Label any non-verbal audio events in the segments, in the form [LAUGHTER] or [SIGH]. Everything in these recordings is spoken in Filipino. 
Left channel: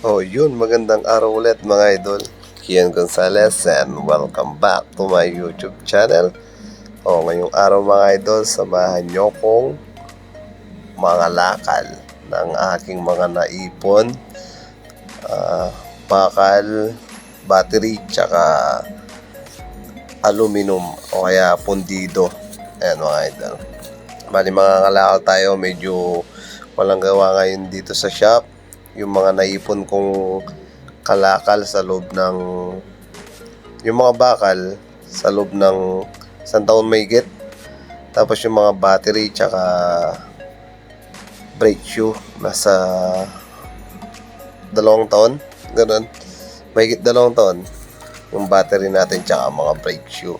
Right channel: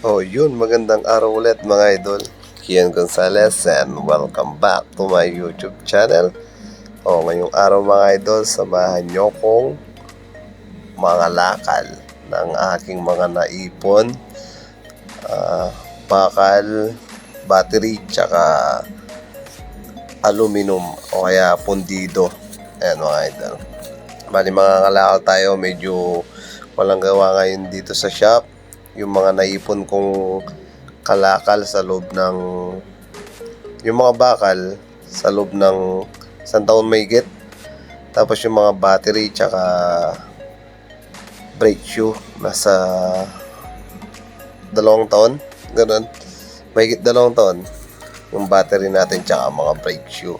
Oh, yun. Magandang araw ulit mga idol. Kian Gonzalez and welcome back to my YouTube channel. Oh, ngayong araw mga idol, samahan nyo kong mga lakal ng aking mga naipon. Ah, bakal, battery, tsaka aluminum o kaya pundido. Ayan mga idol. Bali mga kalakal tayo, medyo walang gawa ngayon dito sa shop. Yung mga naipon kong kalakal sa loob ng yung mga bakal sa loob ng isang taon may get. Tapos yung mga battery tsaka brake shoe nasa dalawang taon. Ganun. May dalawang taon yung battery natin tsaka mga brake shoe.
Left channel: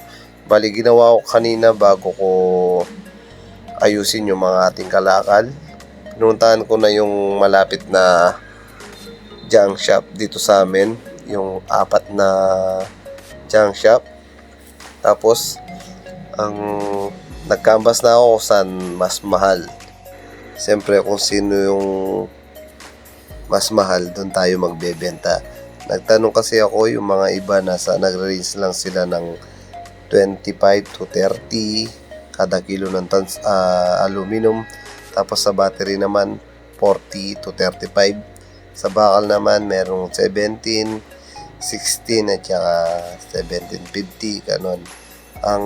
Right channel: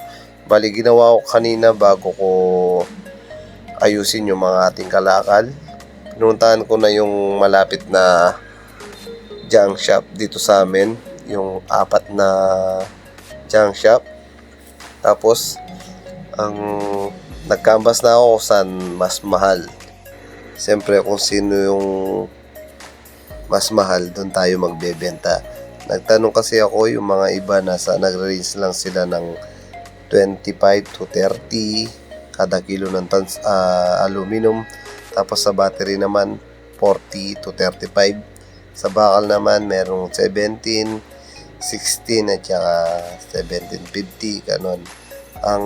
Bali, ginawa ko kanina bago ko ayusin yung mga ating kalakal. Pinuntahan ko na yung malapit na junk shop dito sa amin. Yung apat na junk shop. Tapos, ang nagkambas na ako saan mas mahal. Siyempre, kung sino yung mas mahal, doon tayo magbebenta. Nagtanong kasi ako yung mga iba nasa nagre-range lang sila ng 25 to 30 kada kilo ng tons ah, aluminum. Tapos sa battery naman 40 to 35. Sa bakal naman merong 17, 16 at saka 1750 kanon. Ang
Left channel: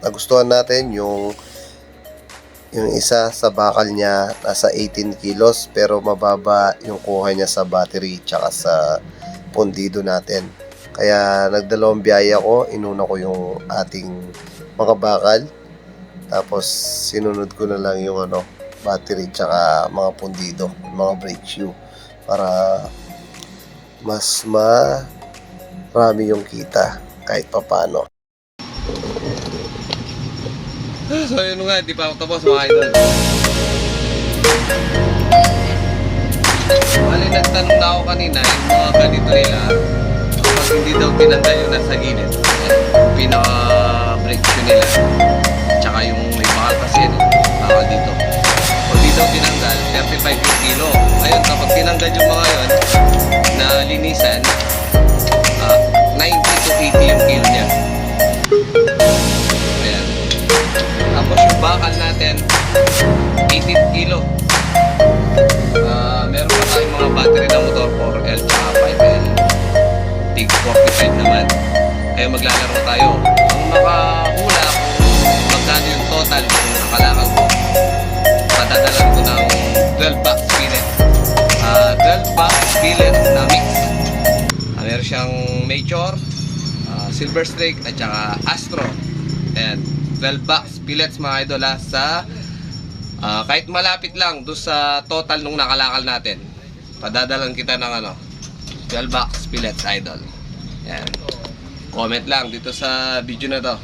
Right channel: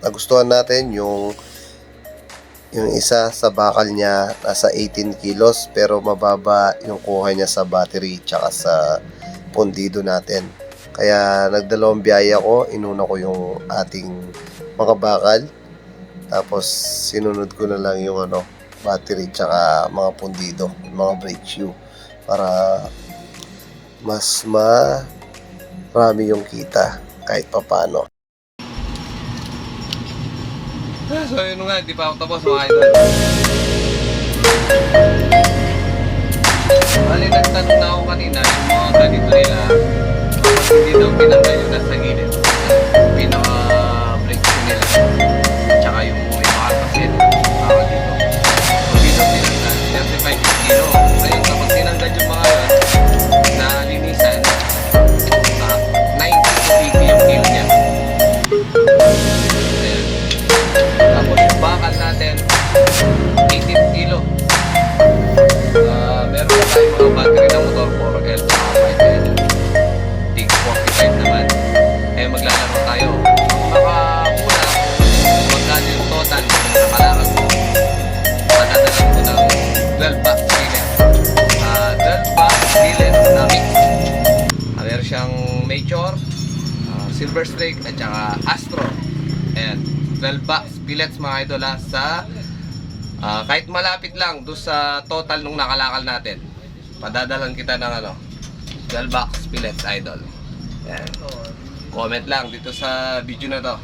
nagustuhan natin yung yung isa sa bakal niya nasa 18 kilos pero mababa yung kuha niya sa battery tsaka sa pundido natin. Kaya nagdalawang biyaya ko, inuna ko yung ating mga bakal. Tapos sinunod ko na lang yung ano, battery tsaka mga pundido, mga brake shoe para mas marami yung kita kahit papano. [SIGHS] So yun nga, di pa ako tapos mga idol. Bali, nagtanong na ako kanina, yung mga ganito nila, pag hindi daw tinanggal yung nasa gilid, pinaka-break nila. Tsaka yung may mahal kasi, ako dito. Pag hindi daw tinanggal, 35 kilo. Ngayon, tinanggal yung mga yon na linisan, ah, 90 to 80 yung kilo niya. Tapos yung bakal natin, 18 kilo. Silver Streak at saka Astro. Ayan, 12 box billets mga idol ha, sa ah, kahit malapit lang do sa total nung nakalakal natin. Padadalan kita ng ano, 12 box billets idol. Ayan. Comment lang dito sa video na to.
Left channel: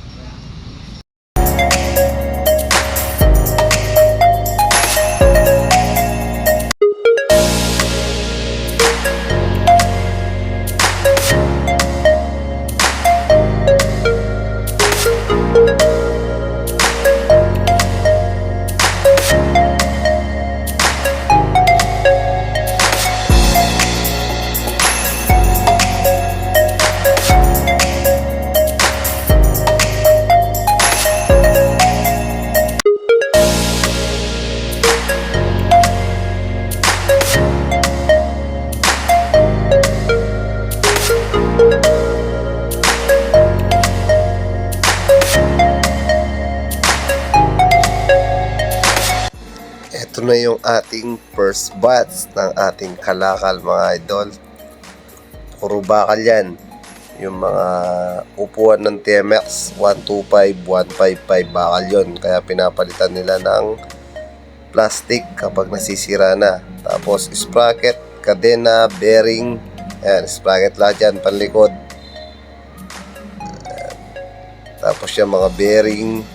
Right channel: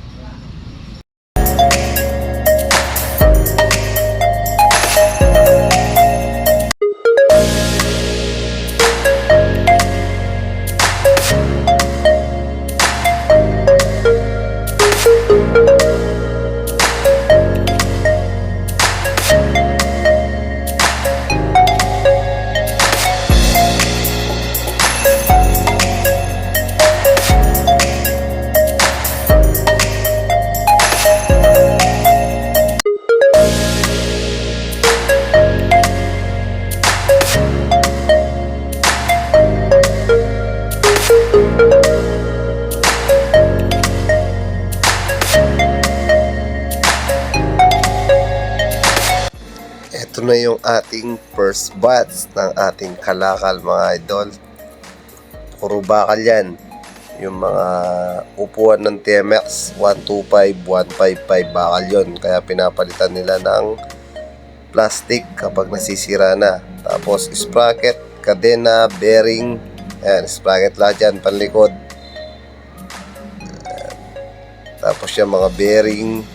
Ito na yung ating first batch ng ating kalakal mga idol. Puro bakal yan. Yung mga upuan ng TMX 125, 155 bakal yon Kaya pinapalitan nila ng plastic kapag nasisira na. Tapos sprocket, kadena, bearing. Ayan, sprocket lahat yan, panlikod. Tapos yung mga bearing.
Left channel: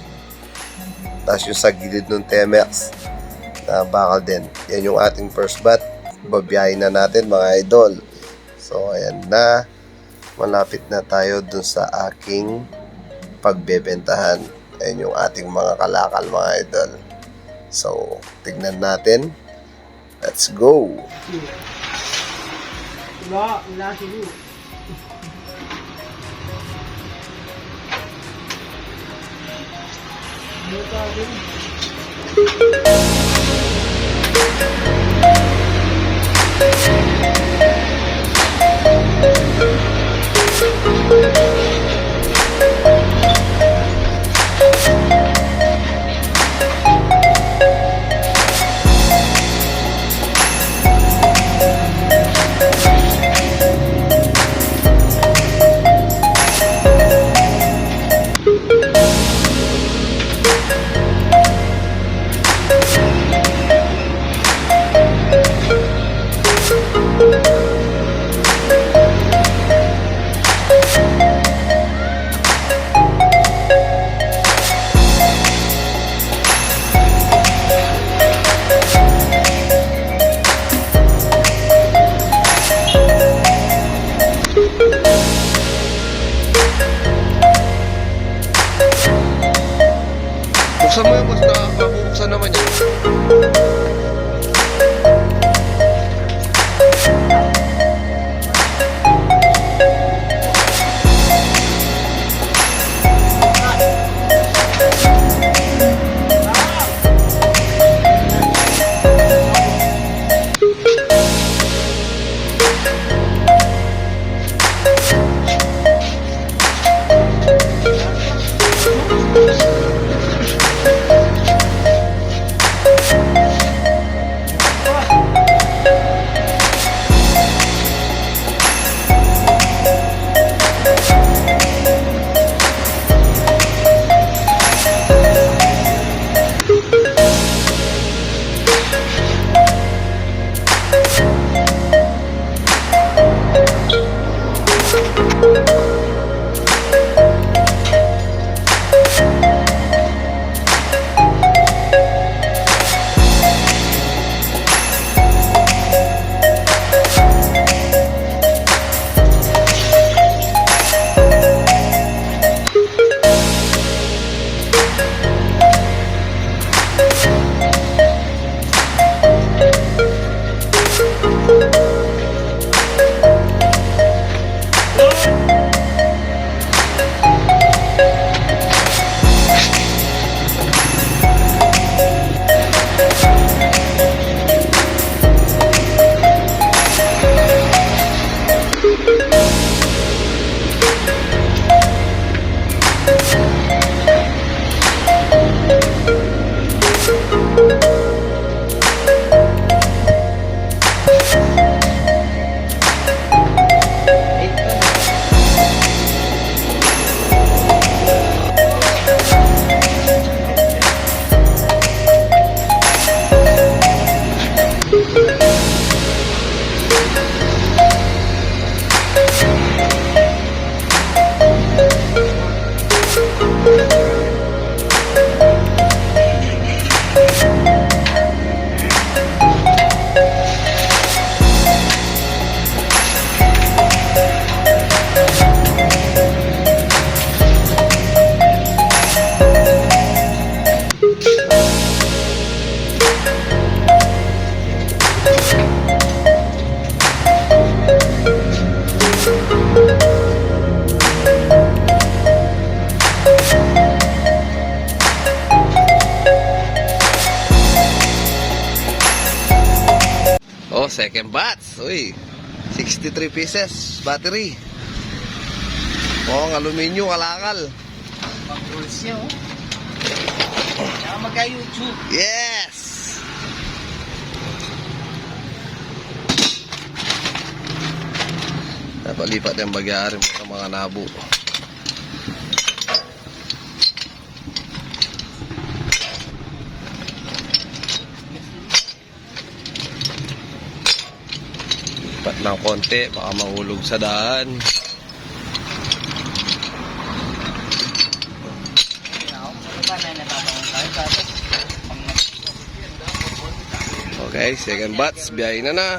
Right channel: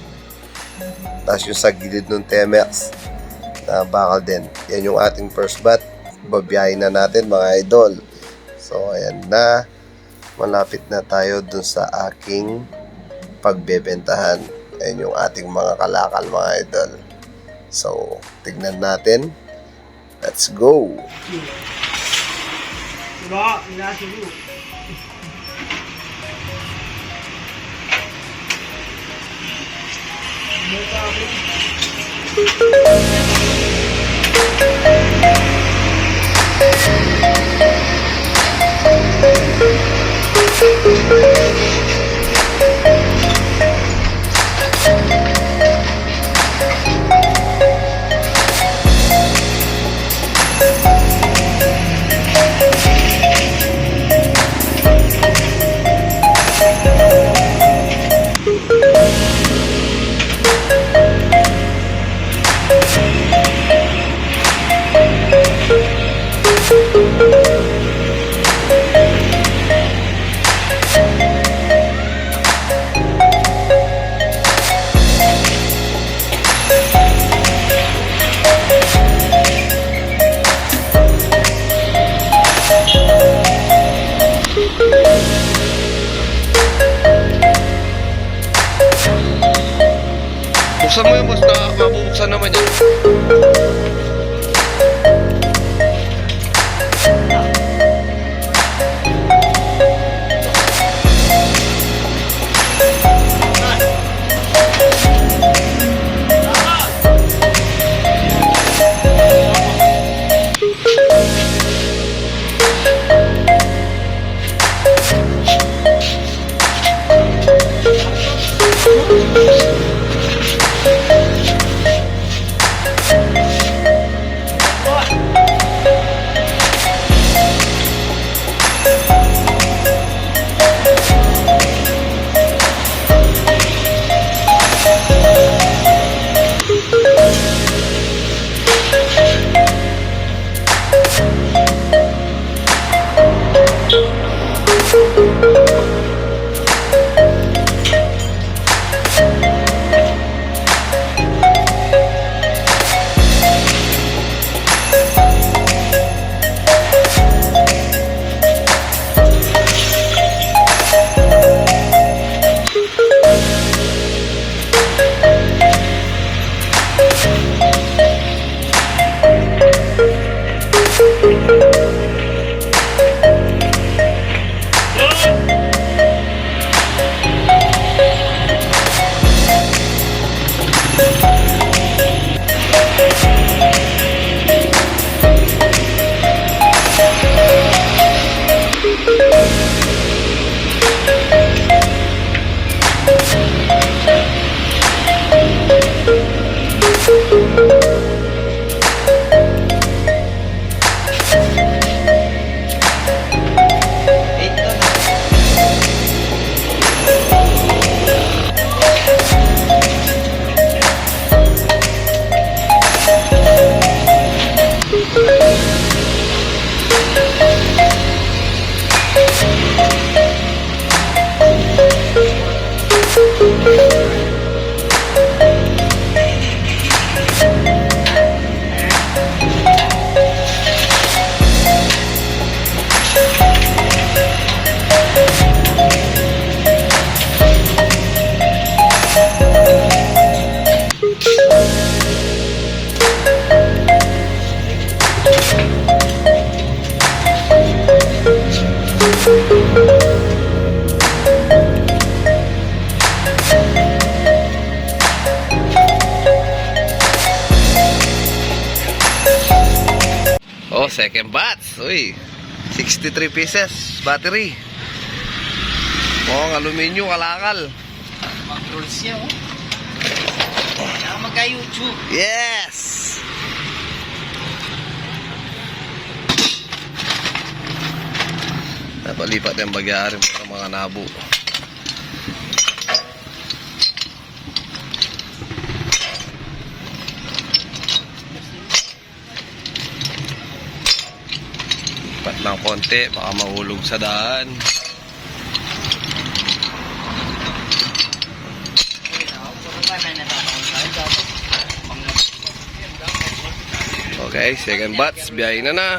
Tapos yung sa gilid ng TMX na bakal din. Yan yung ating first bat. Babiyahin na natin mga idol. So, ayan na. Malapit na tayo dun sa aking pagbebentahan. Ayan yung ating mga kalakal mga idol. So, tignan natin. Let's go! Diba? Wala siguro. Buksan mo yung na mabubuksan naman yan. Oh, batch. Uy, 63 pieces battery. Oh, ang aluminyo, kalakal. Mag-rules siya, oh. Magka-YouTube. Yes! Napalipat yung bagyari mo sa mga nabo. Ng konti, baka mahulog sa daan. Okay, second batch, biyahe na na.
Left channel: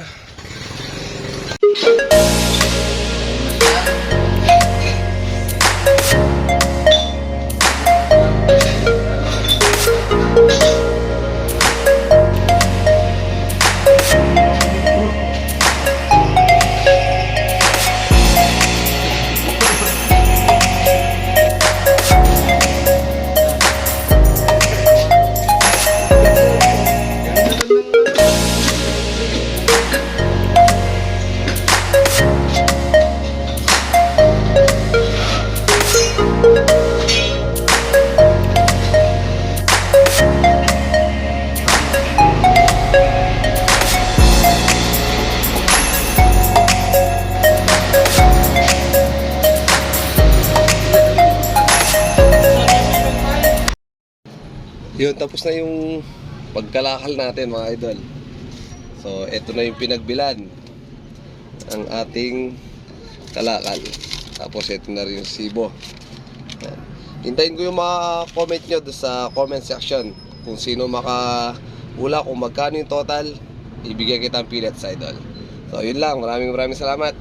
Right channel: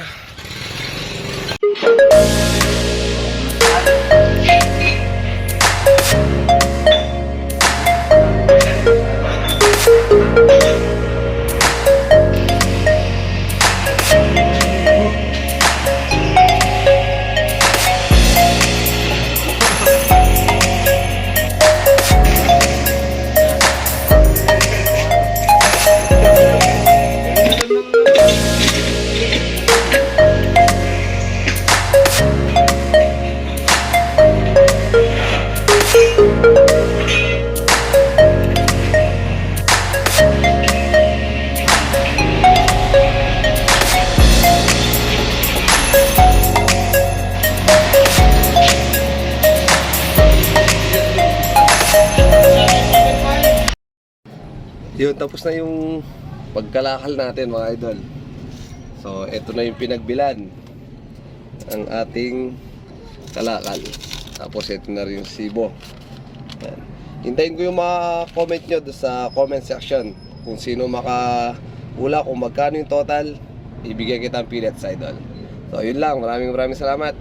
Yun, tapos na yung pagkalakal natin mga idol. So, eto na yung pinagbilan ang ating kalakal. Tapos ito na rin yung sibo. Hintayin ko yung mga comment nyo sa comment section kung sino makahula kung magkano yung total ibigyan kita ang peanuts idol. So yun lang, maraming maraming salamat.